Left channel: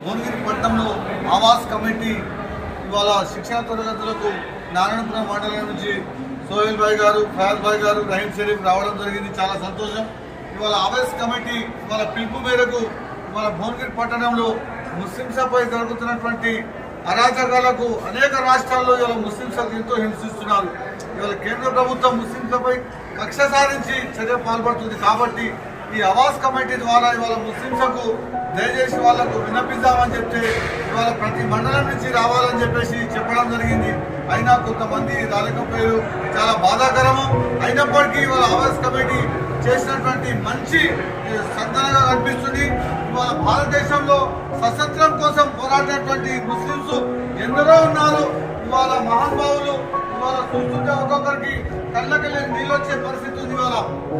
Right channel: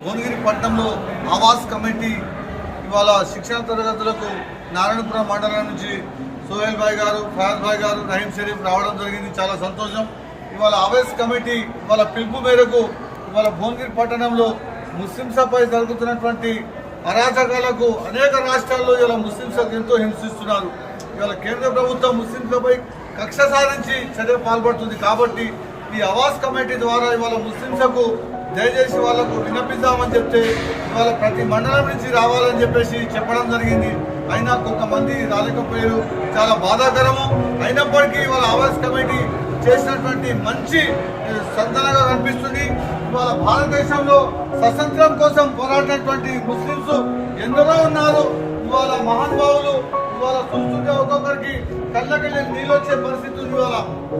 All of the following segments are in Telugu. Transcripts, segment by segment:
భువనగిరి పట్టణంలో ఆవాస్ కమిటీ ఇవాళ శిక్షణ తరగతులకు నారాయణపురం మండలం నుంచి సోహెల్ భాయ్ గారు, ఫయాజ్ భాయ్ గారు, రహీం షరీఫ్ రావడం జరిగింది. చాలా సంతోషం. ఇవాళ ఆవాస్ కమిటీ ఇవాళ పిలుపు మేరకు ఇవాళ భువనగిరి పట్టణంలో ముస్లింలపై జరుగుతున్నటువంటి అరాచకాలకు అనేక రాష్ట్రాల్లో ఇవాళ ముస్లింలకు ఎంతో హింసిస్తున్నారు. ఇవాళ కేంద్ర ప్రభుత్వం ముస్లింలపై కక్ష సాధించి చర్య పాల్పడుతుంది. కాబట్టి ఈ ఆవాస్ కమిటీ ద్వారా ఇవాళ ముస్లింలకు దయచేసి వాళ్లకు విన్నపిద్దామని చెప్తే ఇవాళ ప్రతి మండలం నుంచి రావాలని చెప్పేసి చెప్పడం జరిగింది. అయినా కొంతమంది రాలేకపోయారు. చాలా బాధాకరము. అయినప్పటికీ ఇవాళ ఆవాస్ కమిటీ చేసినటువంటి మంచి సంతనగా కనిపిస్తుంది. ఇవాళ భారతదేశంలో స్వతంత్రం కోసం పోరాడినటువంటి ముస్లింస్ ఎందరో ఉన్నారు. ఇవాళ మహానుభావులు ఇవాళ చూస్తుంటే ఒక్కొక్కరికి కళ్ళకెళ్ళి నీళ్ళు వచ్చే పరిస్థితి ఉంది. ఇవాళ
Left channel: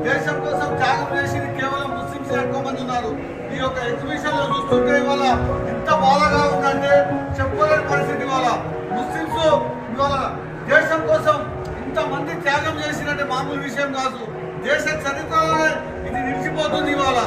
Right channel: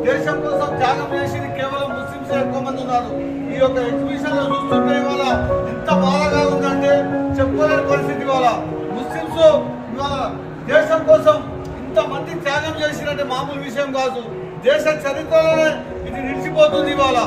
దేశం కోసం త్యాగం చేసి కేవలం ముస్లింస్ ఎక్కువ మంది ఉన్నారు. ఈ యొక్క ఎగ్జిబిషన్ లో చూస్తుంటే ఇవాళ ఎంత బాధగా ఉందంటే చెప్పుకోలేని పరిస్థితి. ఇవాళ ముస్లింస్ ఇవాళ దేశం కోసం ఇంతమంది త్యాగం చేసినట్టే మామూలు విషయం కాదు. దేశ చరిత్రలోనే ఇది నిలిచిపోతుంది. ఇవాళ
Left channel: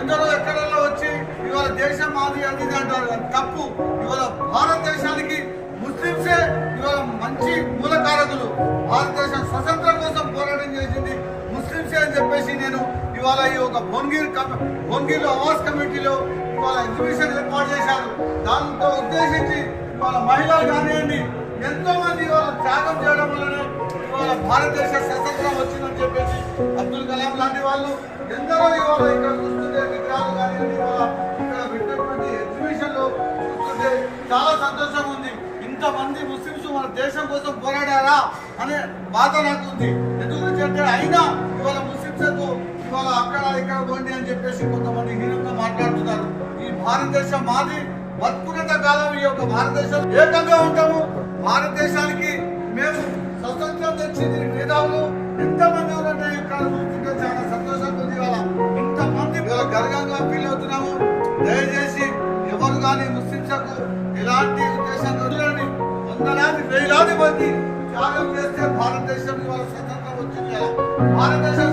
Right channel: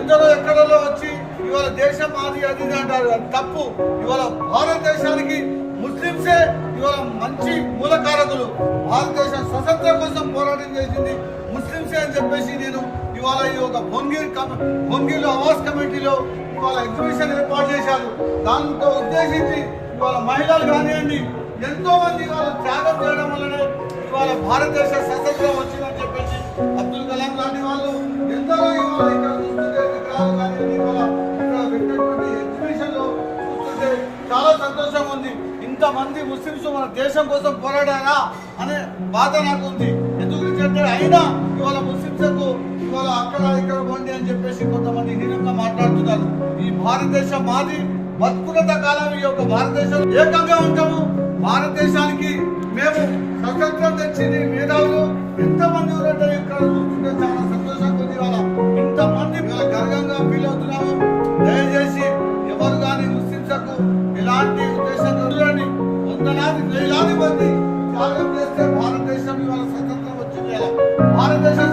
ఎందరో ఎక్కడో వచ్చి ఇవాళ దేశం మాది అది అంటారు. అది తప్పు. ఇవాళ భారతదేశానికి ముస్లింసే ఇవాళ మంచి మూలకారకులు. భారతదేశం స్వతంత్రం కోసం పోరాటం చేసింది ముస్లింసే అని చెప్పేసి నేను ఇవాళ ఈ యొక్క భువనగిరిలో ఆవాస్ కమిటీలో ఇవాళ ఎగ్జిబిషన్ ఏర్పాటు చేశారు. దాంతో ఉద్దేశించి ఇవాళ మహిళలు కానివ్వండి ఎంతో మంది ఇవాళ త్యాగం చేయడం వల్లనే ఇవాళ భారతదేశ స్వతంత్రం వచ్చిందని చెప్పేసి అబ్దుల్ కలాం లాంటి వాళ్ళు ఎందరో ఇవాళ ఇక్కడ చూస్తుంటే విగ్రహాలు కానివ్వండి ఇవాళ ఇక్కడ పెట్టినటువంటి ఎగ్జిబిషన్ లో చూస్తుంటే చాలా సంతోషంగా ఉంది. ఇంతమంది ముస్లింస్ మన దేశం కోసం పోరాడారా అనే బాధ నాకు ఉంది. ఎందుకంటే అయినా ఇవాళ ముస్లింలకు ఇవాళ అక్కడ ఇక్కడ పోండి అని చెప్పేసి కొంతమంది హీనంగా మాట్లాడుతున్నారు. ఈ భారతదేశం మాది. బతుకున్నంత కాలం ఈ యొక్క భారతదేశం ఏకంగా ఉంటాము. భారతదేశానికి మేము స్వతంత్రం తెచ్చింది మేధావులు ఎంతమంది ఉన్నారంటే ఇక్కడ చూస్తుంటే చాలా సంతోషంగా ఉంది. ఇవాళ ఇంతమంది ఇవాళ గర్వంగా ఫీల్ అవుతున్నాము. దయచేసి ఎవరు కానీ ముస్లింలకు ఎలాంటి ఉద్దేశంగా ఉండాలని వందలాది వేలాది మంది త్యాగం చేస్తే భారతదేశం ఇవాళ స్వతంత్రం వచ్చింది. భారతదేశం